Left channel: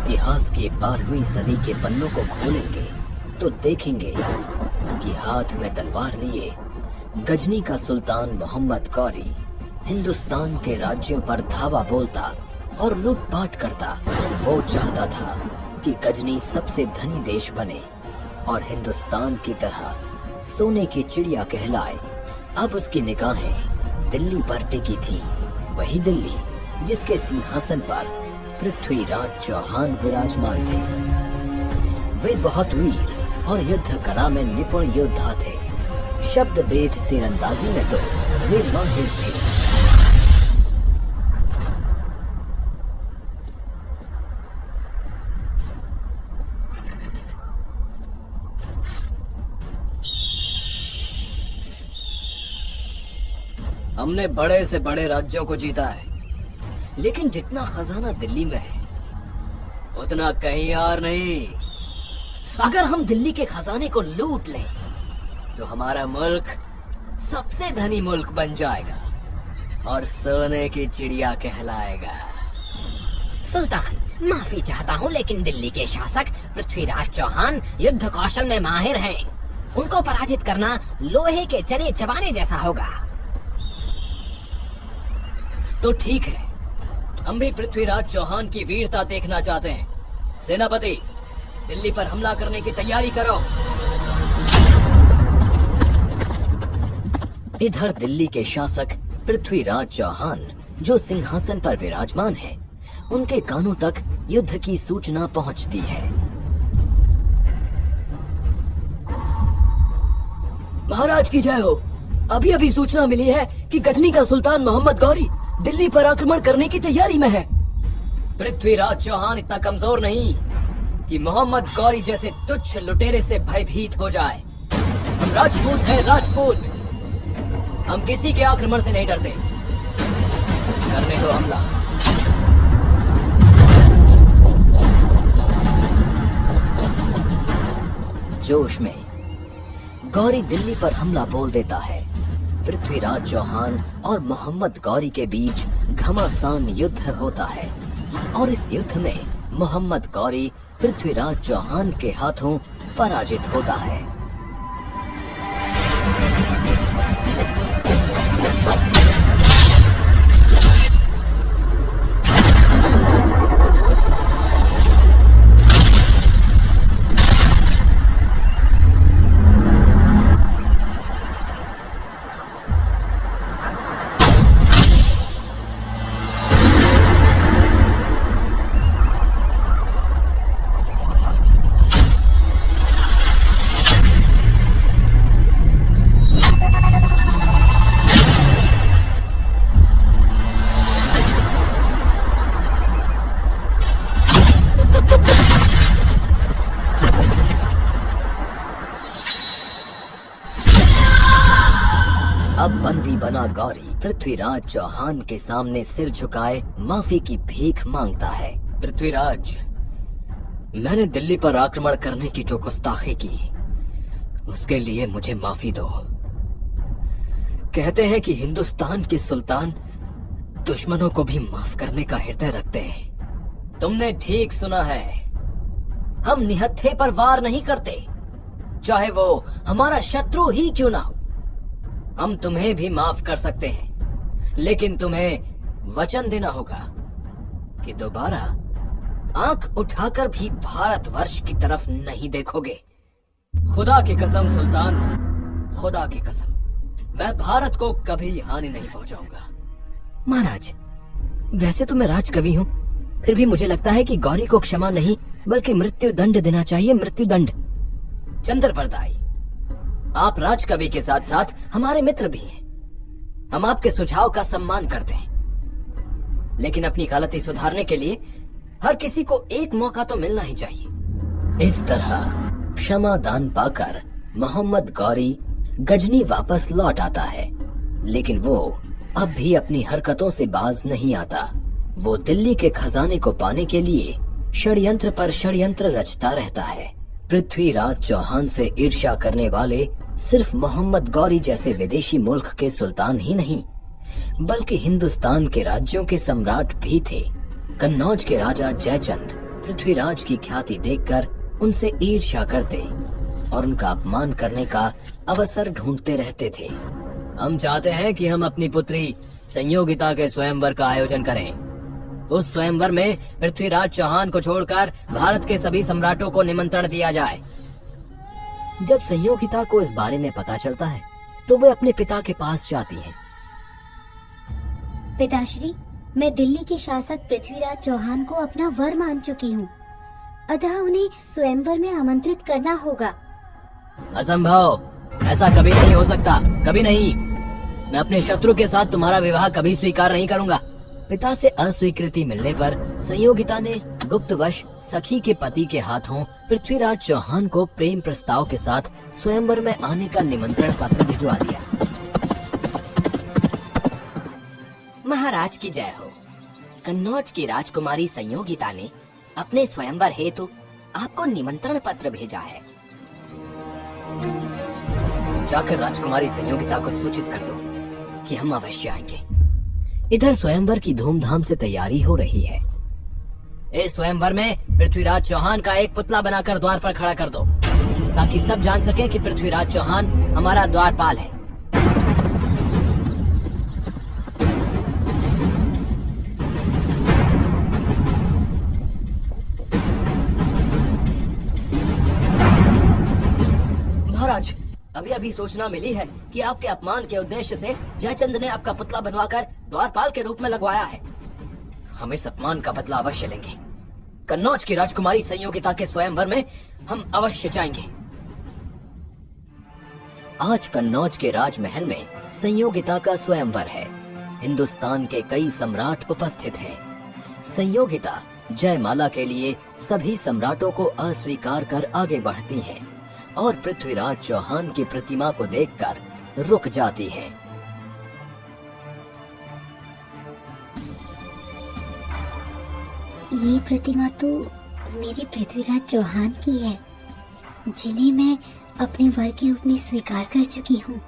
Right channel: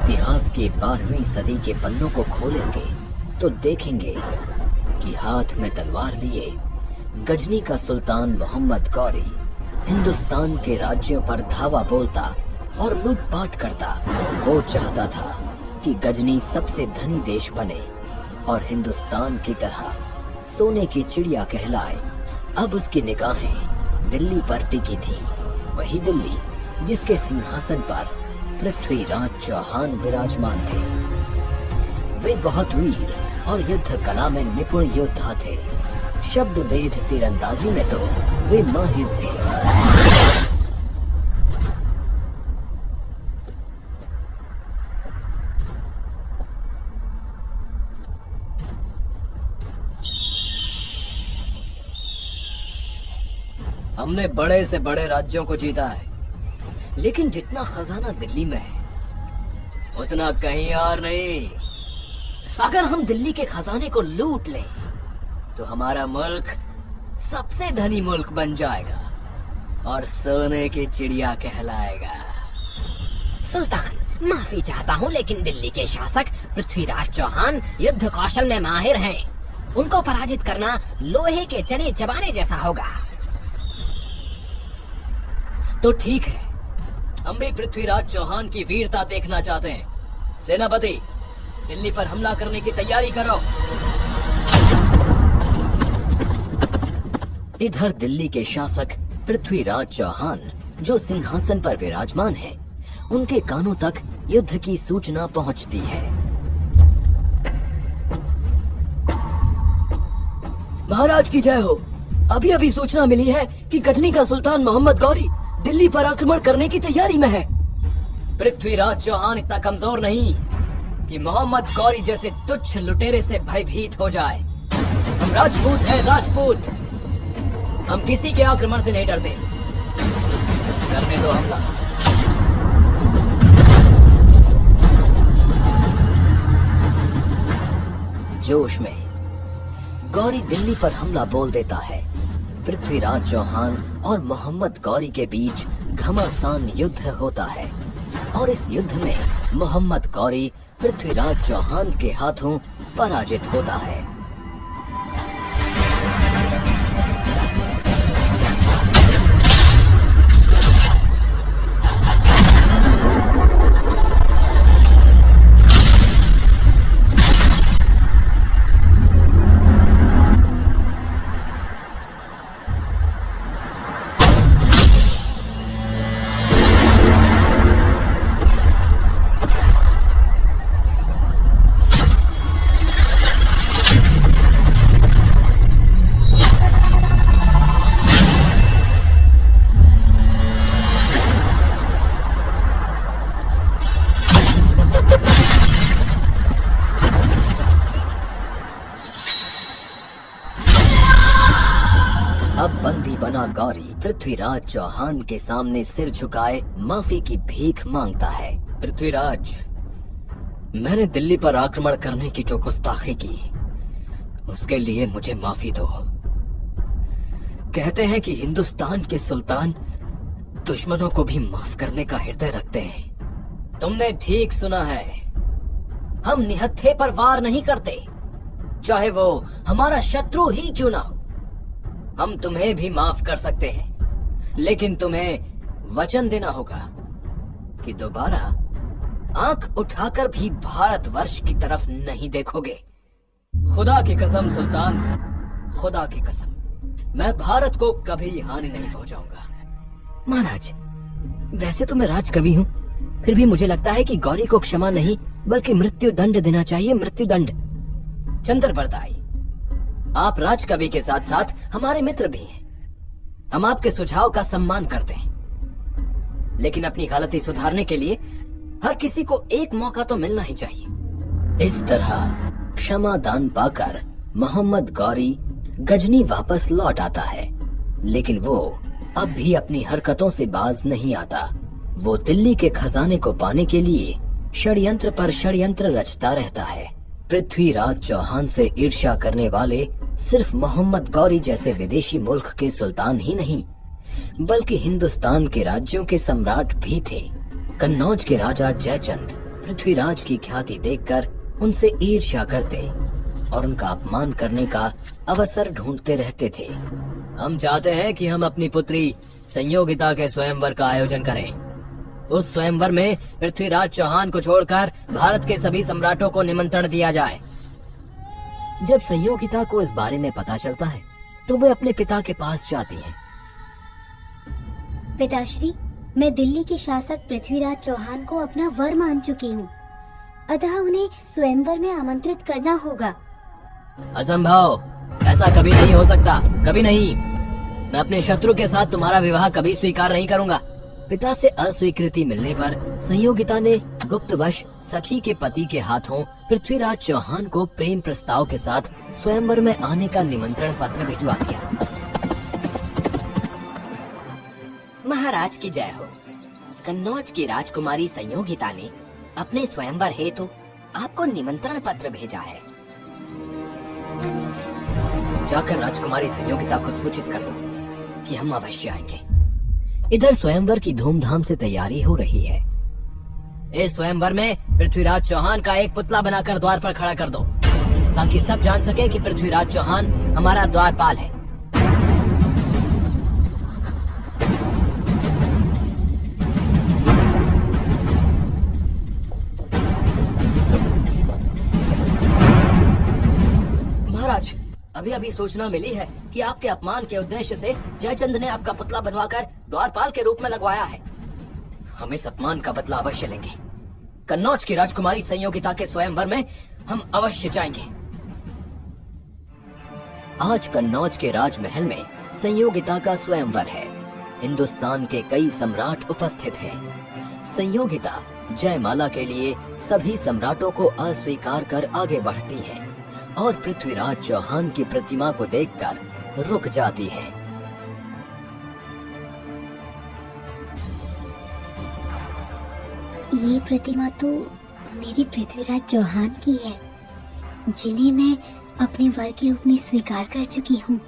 इतिहास की 12वीं सदी के पन्नों को खोलेंगे तो देखेंगे कि हाथ में तलवार लिए गजनी का सुल्तान मोहम्मद गौरी हिंदुस्तान के राज्यों पर धावा बोलता और लूटपाट करता। वो चाहता था कि गजनी सबसे धनी देश बने और हिंदुस्तान की तरह सोने की चिड़िया कहलाए। अब उसकी निगाहें दिल्ली पर टिकी थी, वही दिल्ली जिसके सिंहासन पर पृथ्वीराज चौहान विराजमान थे। वे बहुत वीर और युद्ध कला में निपुण योद्धा थे। शब्द भेद तीरंदाजी में तो वे माहिर थे। हमने बड़े से बड़े राज्यों को जीता है, लेकिन जितना खजाना दिल्ली में है उतना कहीं और नहीं। अगर हम दिल्ली के खजाने को लूट लें तो हमारा मुल्क सबसे धनी मुल्क बन जाएगा और सोने की चिड़िया कहलाएगा। सुल्तान, माफी चाहता हूँ, लेकिन दिल्ली के शासक पृथ्वीराज चौहान युद्ध कौशल में माहिर हैं। उनको पराजित करना लोहे के चने चबाने जैसा होगा। तो ठीक है, हम भी पृथ्वीराज चौहान की वीरता देखना चाहते हैं। सेनापति, दिल्ली पर हमला करने की तैयारी करो। इधर दिल्ली के शासक पृथ्वीराज चौहान जो सिंहासन पर विराजमान है, उनके कानों तक युद्ध की सूचना पहुंचती है। महाराज की जय हो। अभी अभी सूचना मिली है कि गजनी का सुल्तान मोहम्मद गौरी दिल्ली पर आक्रमण करने की तैयारी में है। पृथ्वीराज चौहान इतना कमजोर नहीं कि मोहम्मद गौरी जैसे तुच्छ लुटेरे से भयभीत हो जाए। राजपूत है राजपूत, हम किसी के आक्रमण से नहीं डरते। करने दो हमला। जोश में गौरी दिल्ली पर हमला बोल देता है। पृथ्वीराज चौहान और मोहम्मद गौरी के बीच घमासान युद्ध होता है और इस युद्ध में मोहम्मद गौरी पृथ्वीराज चौहान के हाथों पराजित होता है। अब बंदी बना गौरी पृथ्वीराज चौहान के सामने सिर झुकाए माफी की भीख मांगता है। पृथ्वीराज, मैंने दिल्ली पर आक्रमण करने की जो गुस्ताखी की, उसके लिए मुझे माफी दो। कहते हैं कि हिंदुस्तान के सुल्तान दुश्मनों को भी माफ करने का हृदय रखते हैं। तुमने ठीक सुना है, हम निहत्थे पर वार नहीं करते, चाहे वो हमारा शत्रु ही क्यों ना हो। हम तुम्हें भी माफ कर सकते हैं, लेकिन तुम्हें वचन देना होगा कि दोबारा आंख उठाकर भी भारतवर्ष की तरफ नहीं देखोगे। खुदा की कसम सुल्तान, खुदा की कसम, मैं भारत को कभी हानि नहीं पहुंचाऊंगा। महाराज, वैसे तो मैं राजकवि हूँ, फिर भी मुझे लगता है कि गौरी को क्षमा नहीं बल्कि मृत्यु दंड देना चाहिए। मृत्यु दंड। चंद्र बरदाई, आप राजकवि के साथ साथ हमारे मित्र भी हैं। हम आपके सुझाव का सम्मान करते हैं, लेकिन अपनी गलती सुधारने के लिए हर किसी को एक मौका तो मिलना ही चाहिए। इस तरह क्षमा दान पाकर मोहम्मद गौरी गजनी वापस लौट आता है, लेकिन वो अब भी अपनी हरकतों से बाज नहीं आता। वो दिल्ली के खजाने को पाने के लिए षड्यंत्र पर षड्यंत्र रचता रहता है। पृथ्वीराज चौहान से ईर्ष्या करने वाले सिर्फ मोहम्मद गौरी जैसे विदेशी मुल्क के सुल्तान ही नहीं, बल्कि हिंदुस्तान के राज्यों के सम्राट भी थे। कन्नौज के राजा जयचंद पृथ्वीराज की ख्याति देखकर उनसे ईर्ष्या करते और उनका अपमान करने का अवसर ढूंढते रहते थे। हम चाहते हैं कि हम अपनी पुत्री संयोगिता के स्वयंवर का आयोजन करें। उस स्वयंवर में पृथ्वीराज चौहान को छोड़कर भारत के सभी सम्राटों को निमंत्रण दिया जाए। जब संयोगिता को इस बारे में पता चलता है तो वे अपने पिता के पास जाती है। पिताश्री, मैं दिल्ली के शासक पृथ्वीराज चौहान को अपना वर मान चुकी हूँ, अतः उन्हें स्वयंवर में आमंत्रित करना होगा। असंभव, ऐसा कभी नहीं हो सकता, कभी नहीं। मैं अपने शत्रु के साथ तुम्हारा विवाह कभी स्वीकार नहीं करूंगा। पिता से अस्वीकृति मिलने पर संयोगिता ने गुप्तवश सखी के पति के हाथों पृथ्वीराज चौहान को प्रेम प्रस्ताव के साथ स्वयंवर में आने का निमंत्रण पत्र भिजवा दिया। महाराज की जय हो। कन्नौज की राजकुमारी संयोगिता ने अपने स्वयंवर हेतु आपको निमंत्रण पत्र भेजा है। जाकर राजकुमारी संयोगिता को सूचित कर दो कि हम अवश्य आएंगे। इधर स्वयंवर की धूमधाम से तैयारी हो रही है। इस स्वयंवर में पृथ्वीराज चौहान का एक पुतला बनाकर द्वार पर खड़ा कर दो, ताकि सब जान सके कि पृथ्वीराज चौहान हमारा द्वारपाल है। महाराज, अभी अभी सूचना मिली है कि आपके अपमान के उद्देश्य से जयचंद ने आपका पुतला बनवाकर द्वारपाल के रूप में लगवाया है। हम इस अपमान का बदला अवश्य लेंगे। कन्नौज की राजकुमारी संयोगिता के स्वयंवर में हम अवश्य जाएंगे। आज कन्नौज के राजमहल में संयोगिता का स्वयंवर है। हिंदुस्तान के कई सम्राट उपस्थित हैं। संयोगिता जयमाला के लिए सभी सम्राटों को अस्वीकार कर आगे बढ़ती है और पृथ्वीराज चौहान की प्रतिमा को देखकर रुक जाती है। ये प्रतिमा तो मेरे पृथ्वीराज चौहान की है, जिन्हें मैं अपने वर के रूप में स्वीकार कर चुकी हूँ।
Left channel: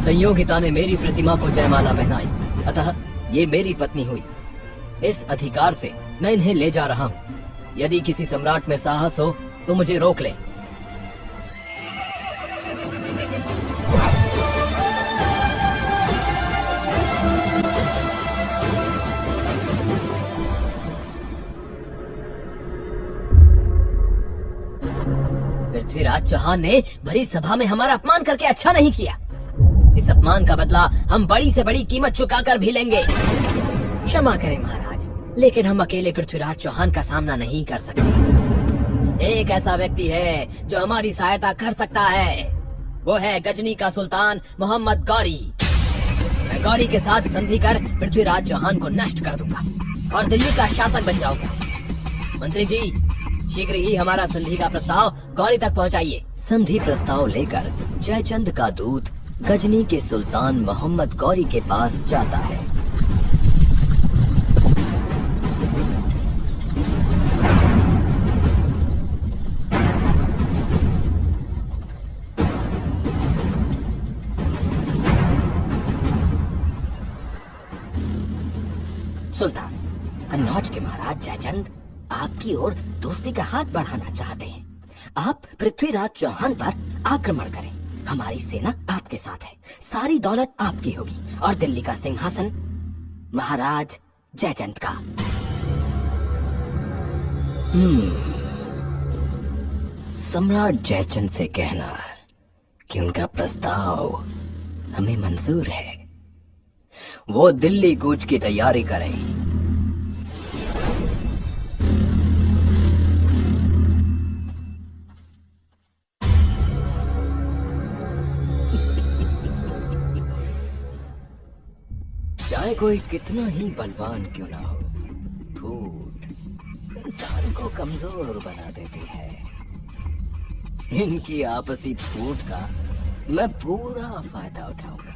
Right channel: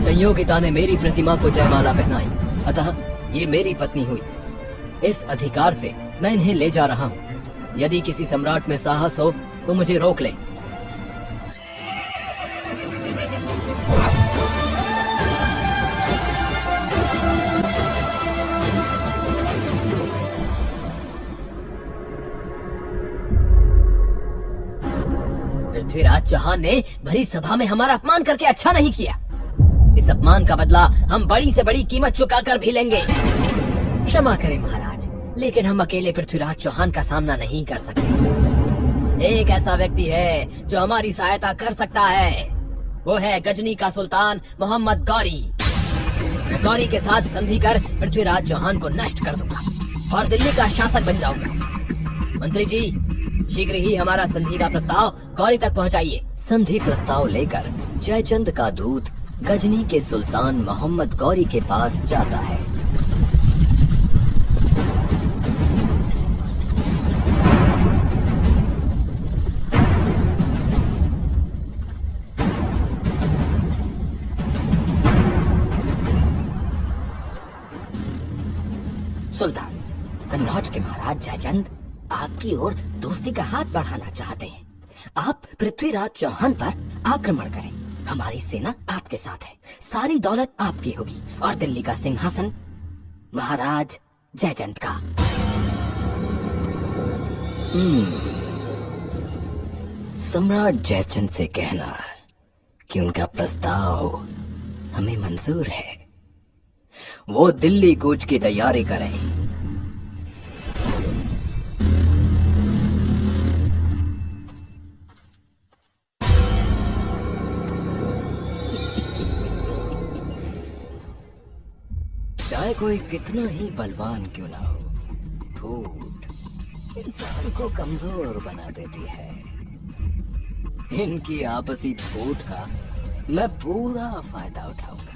संयोगिता ने मेरी प्रतिमा को जयमाला पहनाई, अतः ये मेरी पत्नी हुई। इस अधिकार से मैं इन्हें ले जा रहा हूँ। यदि किसी सम्राट में साहस हो तो मुझे रोक ले। पृथ्वीराज चौहान ने भरी सभा में हमारा अपमान करके अच्छा नहीं किया। इस अपमान का बदला हम बड़ी से बड़ी कीमत चुकाकर भी लेंगे। क्षमा करें महाराज, लेकिन हम अकेले पृथ्वीराज चौहान का सामना नहीं कर सकते। एक ऐसा व्यक्ति है जो हमारी सहायता कर सकता है। वो है गजनी का सुल्तान मोहम्मद गौरी। मैं गौरी के साथ संधि कर पृथ्वीराज चौहान को नष्ट कर दूंगा और दिल्ली का शासक बन जाऊंगा। मंत्री जी, शीघ्र ही हमारा संधि का प्रस्ताव गौरी तक पहुंचाइए। संधि प्रस्ताव लेकर जयचंद का दूत गजनी के सुल्तान मोहम्मद गौरी के पास जाता है। सुल्तान, कन्नौज के महाराज जयचंद आपकी ओर दोस्ती का हाथ बढ़ाना चाहते हैं। आप पृथ्वीराज चौहान पर आक्रमण करें। हमारी सेना आपके साथ है। सारी दौलत आपकी होगी और दिल्ली का सिंहासन महाराज जयचंद का। सम्राट जयचंद से कहना कि उनका प्रस्ताव हमें मंजूर है। वो दिल्ली कूच की तैयारी करें। चाहे कोई कितना ही बलवान क्यों ना हो, फूट इंसान को कमजोर बना देती है। इनकी आपसी फूट का मैं पूरा फायदा उठाऊंगा।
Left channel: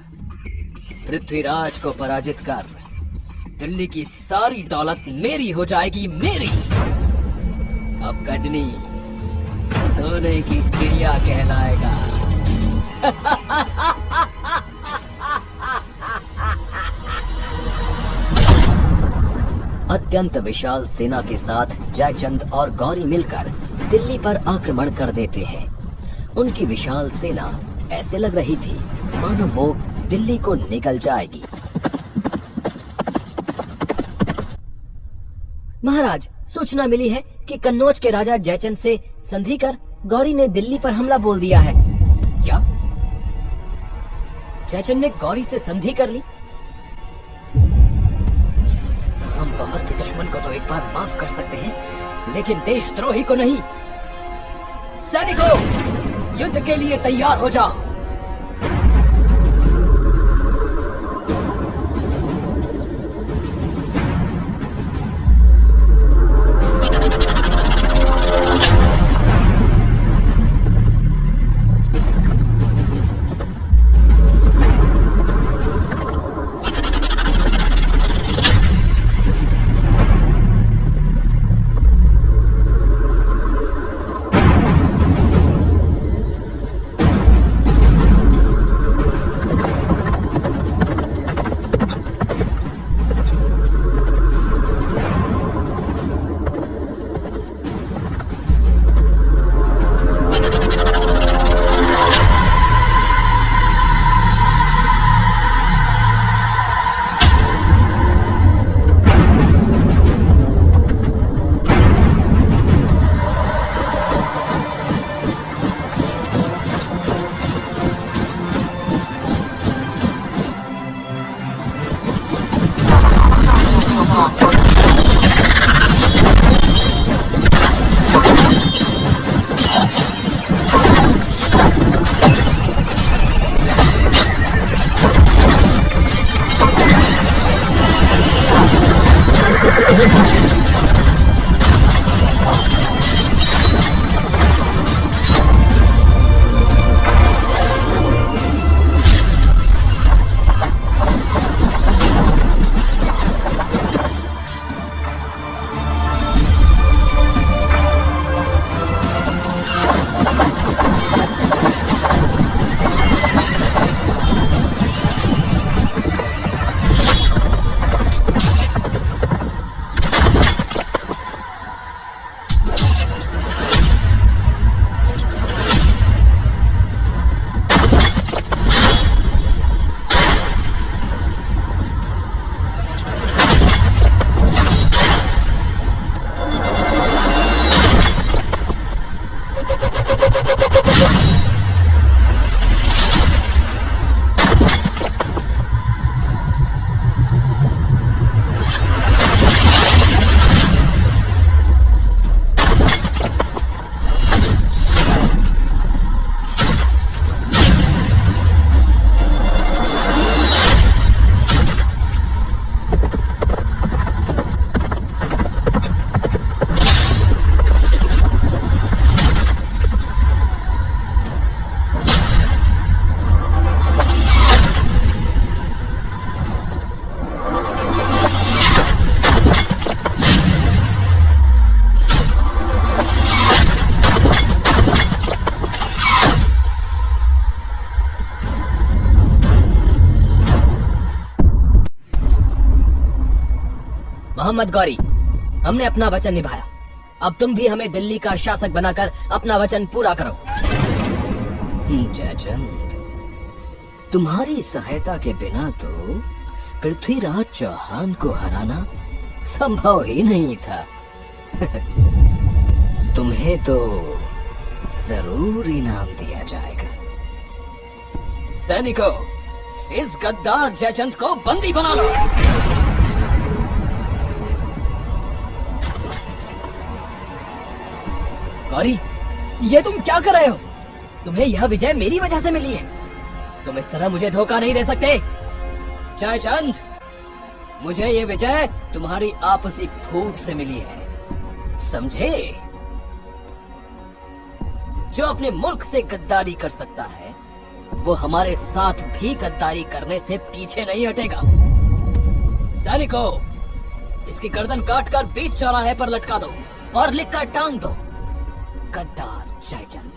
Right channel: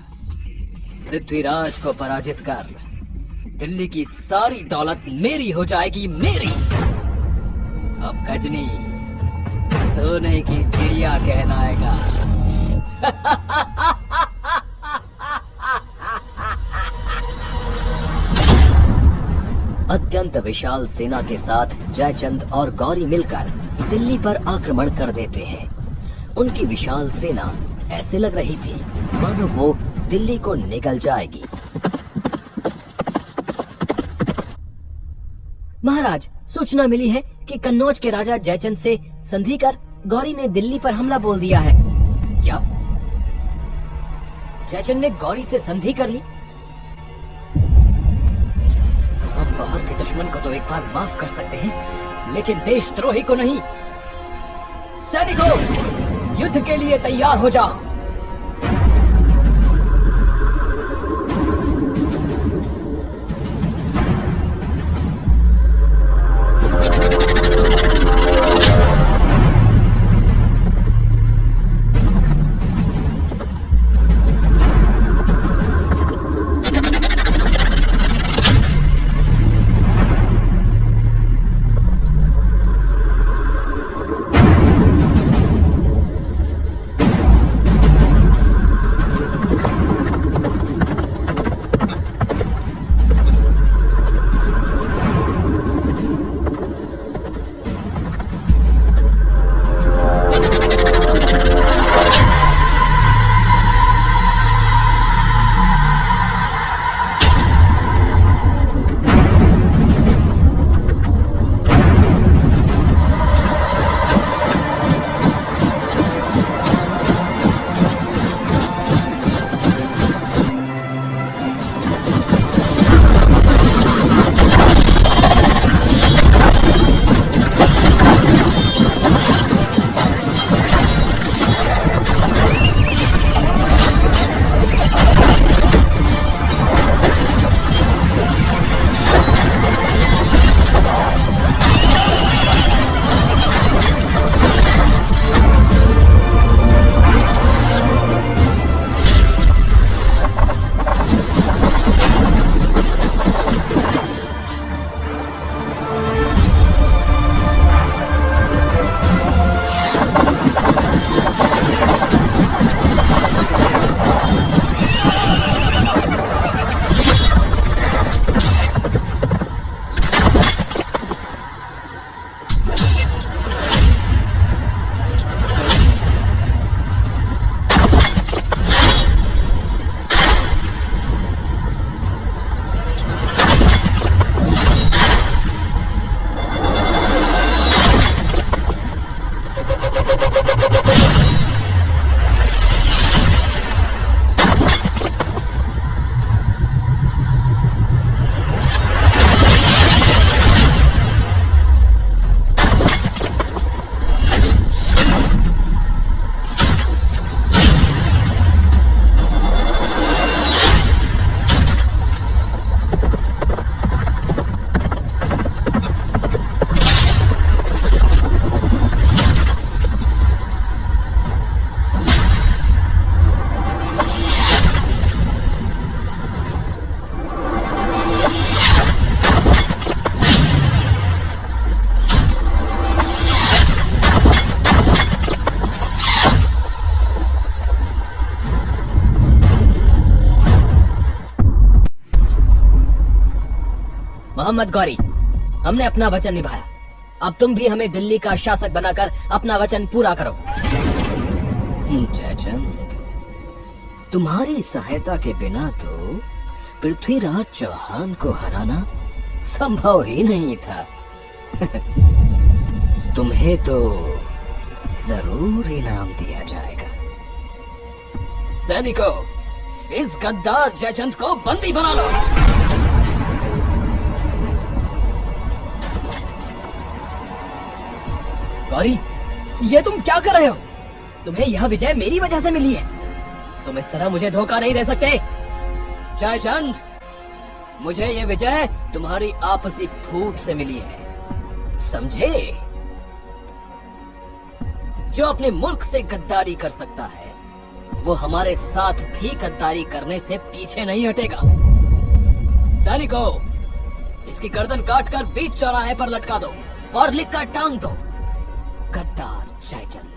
पृथ्वीराज को पराजित कर दिल्ली की सारी दौलत मेरी हो जाएगी, मेरी। अब गजनी सोने की चिड़िया कहलाएगा। अत्यंत विशाल सेना के साथ जयचंद और गौरी मिलकर दिल्ली पर आक्रमण कर देते हैं। उनकी विशाल सेना ऐसे लग रही थी मानो वो दिल्ली को निगल जाएगी। महाराज, सूचना मिली है कि कन्नौज के राजा जयचंद से संधि कर गौरी ने दिल्ली पर हमला बोल दिया है। क्या जयचंद ने गौरी से संधि कर ली? हम बहुत के दुश्मन को तो एक बार माफ कर सकते हैं, लेकिन देशद्रोही को नहीं। सैनिकों, युद्ध के लिए तैयार हो जाओ। मोहम्मद गौरी, हमने अपना वचन निभाया। अब तुम भी हमें दिल्ली का शासक बनाकर अपना वचन पूरा करो। जयचंद, तुम्हारी सहायता के बिना तो पृथ्वीराज चौहान को हराना संभव ही नहीं था। तुम्हें तो जरूर इनाम दिया जाएगा। सैनिकों, इस गद्दार जयचंद को बंदी बना लो। गौरी, ये तुम क्या कर रहे हो? तुम्हें यह विजय मेरी वजह से मिली है। तुम इस तरह मुझे धोखा नहीं दे सकते। जयचंद, मुझे ये विजय तुम्हारी आपसी फूट से मिली है, समझे? जो अपने मुल्क से गद्दारी कर सकता है वो हमारे साथ भी गद्दारी करने से पीछे नहीं हटेगा। सैनिकों, इसकी गर्दन काटकर बीच चौराहे पर लटका दो और लिखकर टांग दो, गद्दार जयचंद।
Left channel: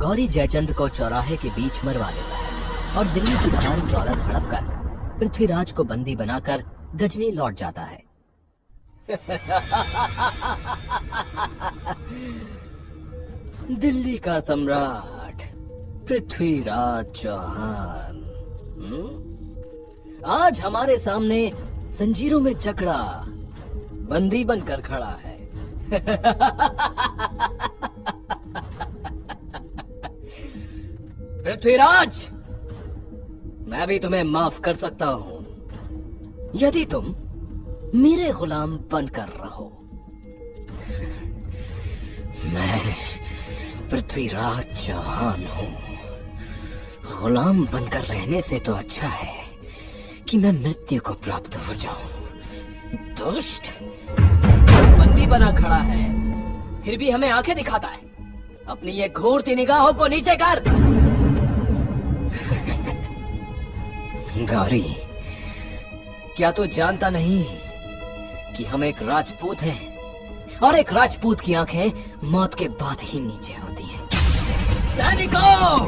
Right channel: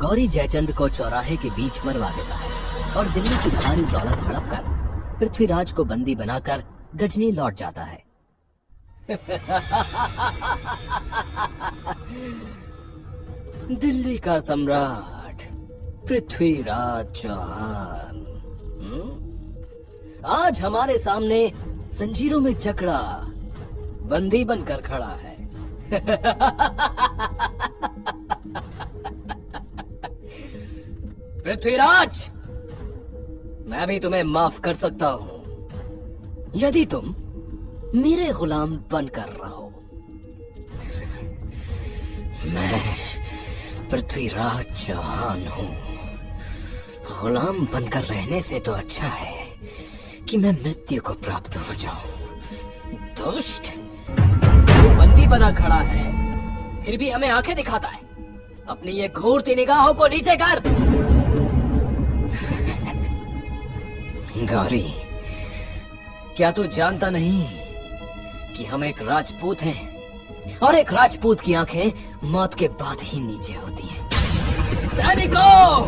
गौरी जयचंद को चौराहे के बीच मरवा देता है और दिल्ली की सारी दौलत हड़प कर पृथ्वीराज को बंदी बनाकर गजनी लौट जाता है। दिल्ली का सम्राट पृथ्वीराज चौहान आज हमारे सामने जंजीरों में जकड़ा बंदी बनकर खड़ा है। पृथ्वीराज, मैं भी तुम्हें माफ कर सकता हूं यदि तुम मेरे गुलाम बनकर रहो। मैं पृथ्वीराज चौहान हूं। गुलाम बनकर रहने से तो अच्छा है कि मैं मृत्यु को प्राप्त हो जाऊं। दुष्ट, बंदी बना खड़ा है फिर भी हमें आंखें दिखाता है। अपनी ये घूरती निगाहों को नीचे कर। गौरी, क्या तू जानता नहीं कि हम एक राजपूत हैं और एक राजपूत की आंखें मौत के बाद ही नीचे होती हैं। सैनिकों,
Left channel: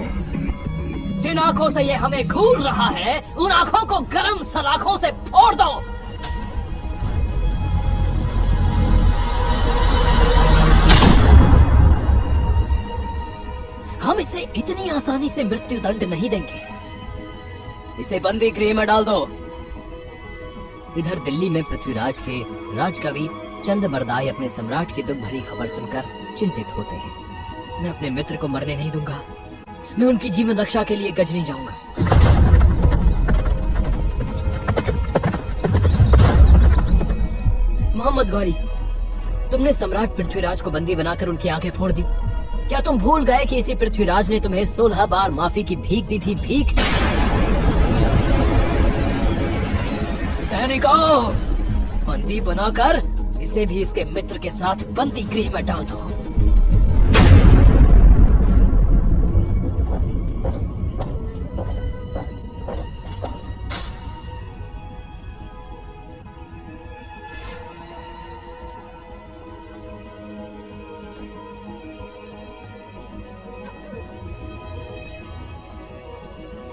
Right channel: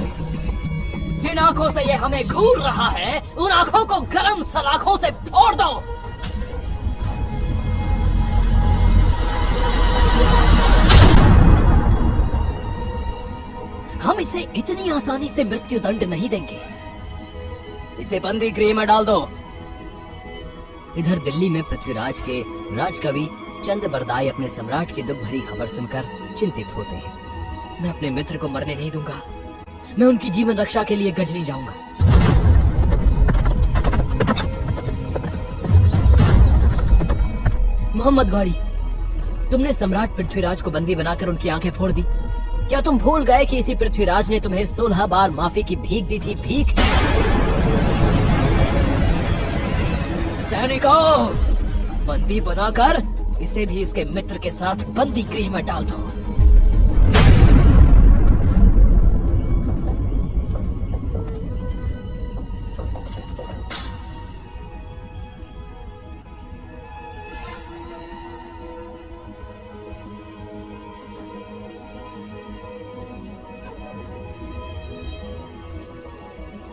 जिन आंखों से ये हमें घूर रहा है उन आंखों को गरम सलाखों से फोड़ दो। हम इसे इतनी आसानी से मृत्यु दंड नहीं देंगे। इसे बंदी गृह में डाल दो। इधर दिल्ली में पृथ्वीराज के राजकवि चंद बरदाई अपने सम्राट की दुख भरी खबर सुनकर चिंतित होते हैं। मैं अपने मित्र को मरने नहीं दूंगा। मैं उनकी जीवन रक्षा के लिए गजनी जाऊंगा। मोहम्मद गौरी, तुमने सम्राट पृथ्वीराज को बंदी बनाकर उनकी आंखें फोड़ दी। क्या तुम भूल गए कि इसी पृथ्वीराज ने तुम्हें 16 बार माफी की भीख दी थी? भीख। सैनिकों, बंदी बनाकर इसे भी इसके मित्र के साथ बंदी गृह में डाल दो।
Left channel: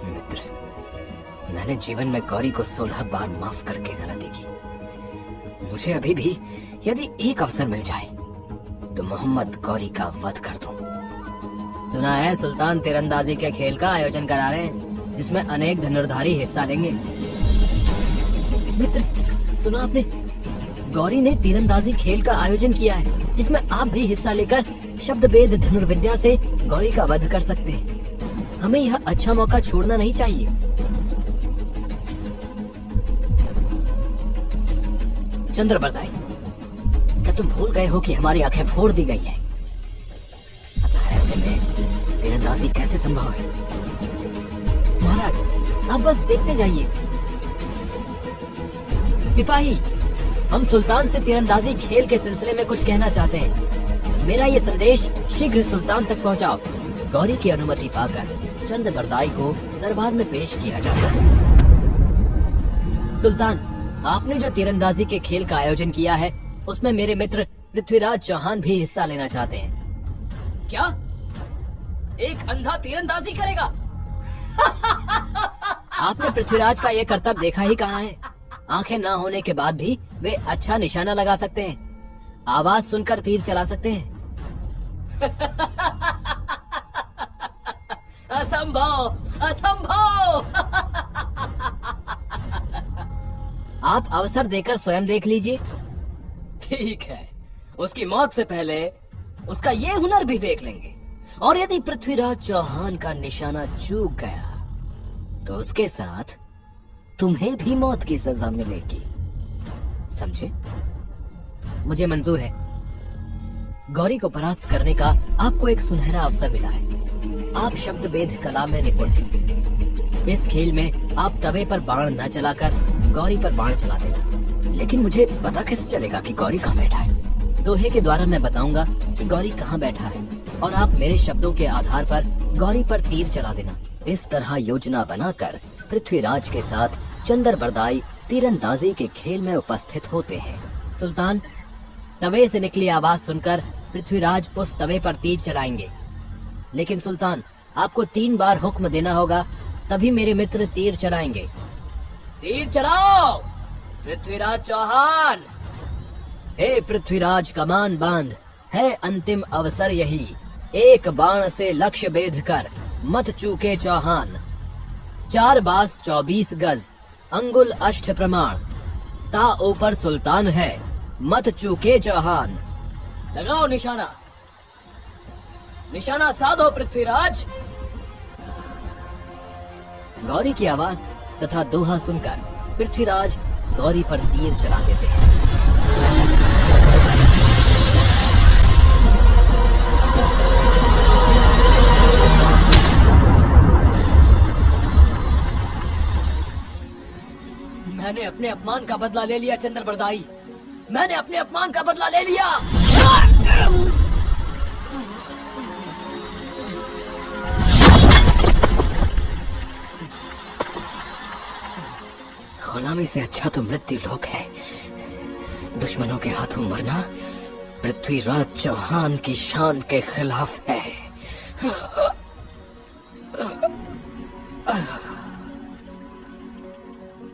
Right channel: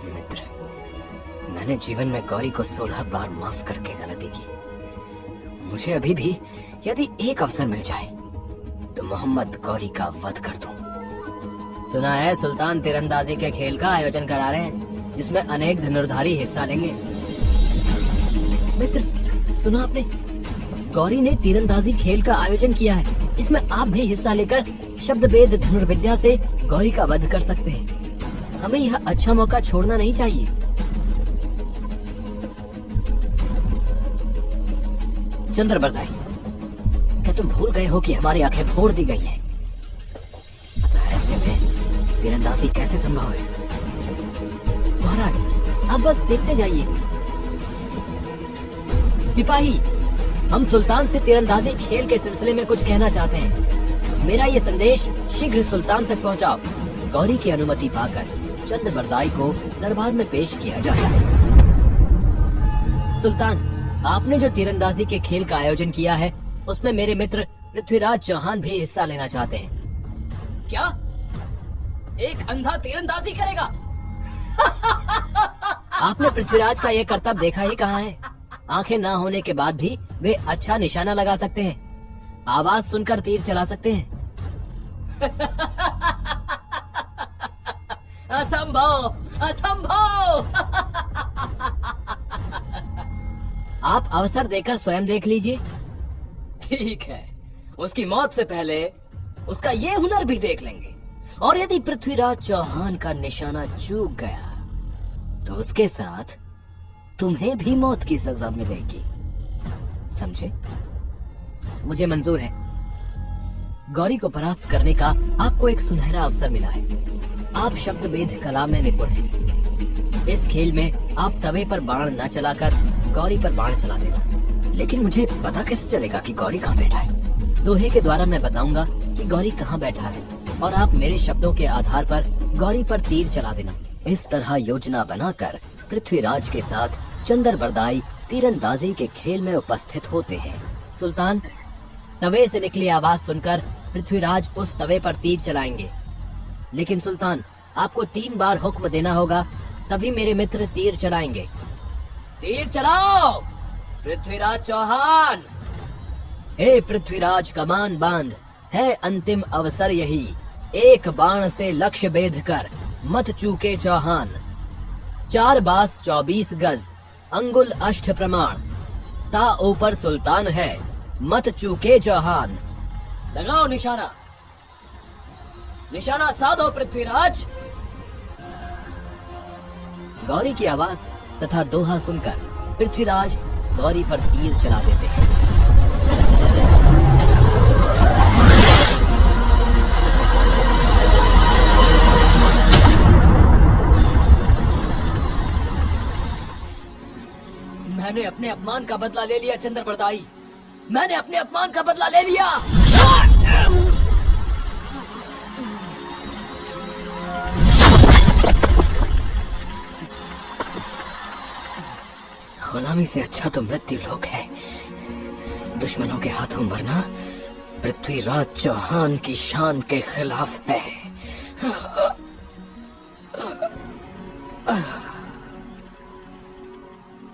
मित्र, मैंने जीवन में गौरी को 16 बार माफ करके गलती की। मुझे अभी भी यदि एक अवसर मिल जाए तो मोहम्मद गौरी का वध कर दूं। सुना है सुल्तान तीरंदाजी के खेल का आयोजन करा रहे हैं जिसमें अनेक धनुर्धारी हिस्सा लेंगे। मित्र, सुना आपने? गौरी ने तीरंदाजी खेल का आयोजन किया है जिसमें आप भी हिस्सा लेकर शब्द भेद धनुर्विद्या से गौरी का वध कर सकते हैं। हमें यह अच्छा मौका छोड़ना नहीं चाहिए। चंद्र बरदाई, क्या तुम भूल गए हो कि हमारी आंखें फोड़ दी गई है? अतः ऐसे में तीरंदाजी कैसे संभव है? महाराज, आप बस देखते जाइए। सिपाही, हम सुल्तान से तीरंदाजी खेल के सिलसिले में कुछ कहना चाहते हैं। मेरा ये संदेश शीघ्र सुल्तान तक पहुंचाओ। गौरी की अनुमति पाकर चंद बरदाई को दरबार में पेश किया जाता है। सुल्तान, आपने जो तीरंदाजी के खेल का आयोजन किया है उसमें मेरे मित्र पृथ्वीराज चौहान भी हिस्सा लेना चाहते हैं। क्या एक अंधा तीरंदाजी करेगा? आपने पृथ्वीराज का यह कर्तव्य देखा ही कहाँ है? आंखें ना होने के बाद भी वे अच्छा निशाना लगा सकते हैं, आवाज सुनकर तीर चला सकते हैं। असंभव, असंभव। आप अवसर देकर स्वयं देख लीजिए। ठीक है, उसकी मौत से पहले उसका ये हुनर भी देख लेंगे। और यदि पृथ्वीराज चौहान का निशाना चूक गया तो उसके साथ तुम्हें भी मौत की सजा मिलेगी। समझे? मुझे मंजूर है। गौरी को परास्त करने का आपको एक सुनहरा अवसर मिला है। आप शब्द भेद कला में निपुण हैं। इस खेल में आप तवे पर बाण न चलाकर गौरी पर बाण चला देना। लेकिन मुझे पता कैसे चलेगा कि गौरी कहाँ बैठा है? दोहे के द्वारा मैं बताऊंगा कि गौरी कहाँ बैठा है और आप मेरे शब्दों के आधार पर गौरी पर तीर चला देना। इस तरह योजना बनाकर पृथ्वीराज के साथ चंद्रबरदाई तीरंदाजी के खेल में उपस्थित होते हैं। सुल्तान, तवे से निकली आवाज सुनकर पृथ्वीराज उस तवे पर तीर चलाएंगे। लेकिन सुल्तान, आपको 3 बार हुक्म देना होगा, तभी मेरे मित्र तीर चलाएंगे। तीर चलाओ पृथ्वीराज चौहान। ए पृथ्वीराज, कमान बांध, है अंतिम अवसर यही। एक बाण से लक्ष्य भेद कर मत चूके चौहान। 4 बास 24 गज, अंगुल अष्ट प्रमाण। ता ऊपर सुल्तान है, मत चूके चौहान। लगाओ निशाना, निशाना साधो पृथ्वीराज। गौरी की आवाज तथा दोहा सुनकर पृथ्वीराज गौरी पर तीर चला देते हैं। मैंने अपने अपमान का बदला ले लिया चंद्रबरदाई, मैंने अपने अपमान का बदला ले लिया। गुलामी से अच्छा तो मृत्यु लोक है। दुश्मनों के हाथों मरना पृथ्वीराज चौहान की शान के खिलाफ है।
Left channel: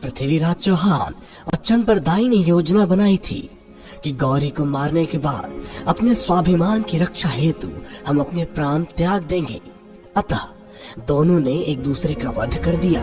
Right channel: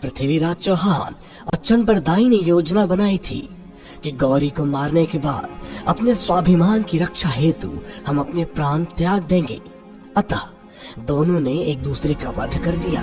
पृथ्वीराज चौहान और चंद्रबरदाई ने योजना बनाई थी कि गौरी को मारने के बाद अपने स्वाभिमान की रक्षा हेतु हम अपने प्राण त्याग देंगे। अतः दोनों ने एक दूसरे का वध कर दिया।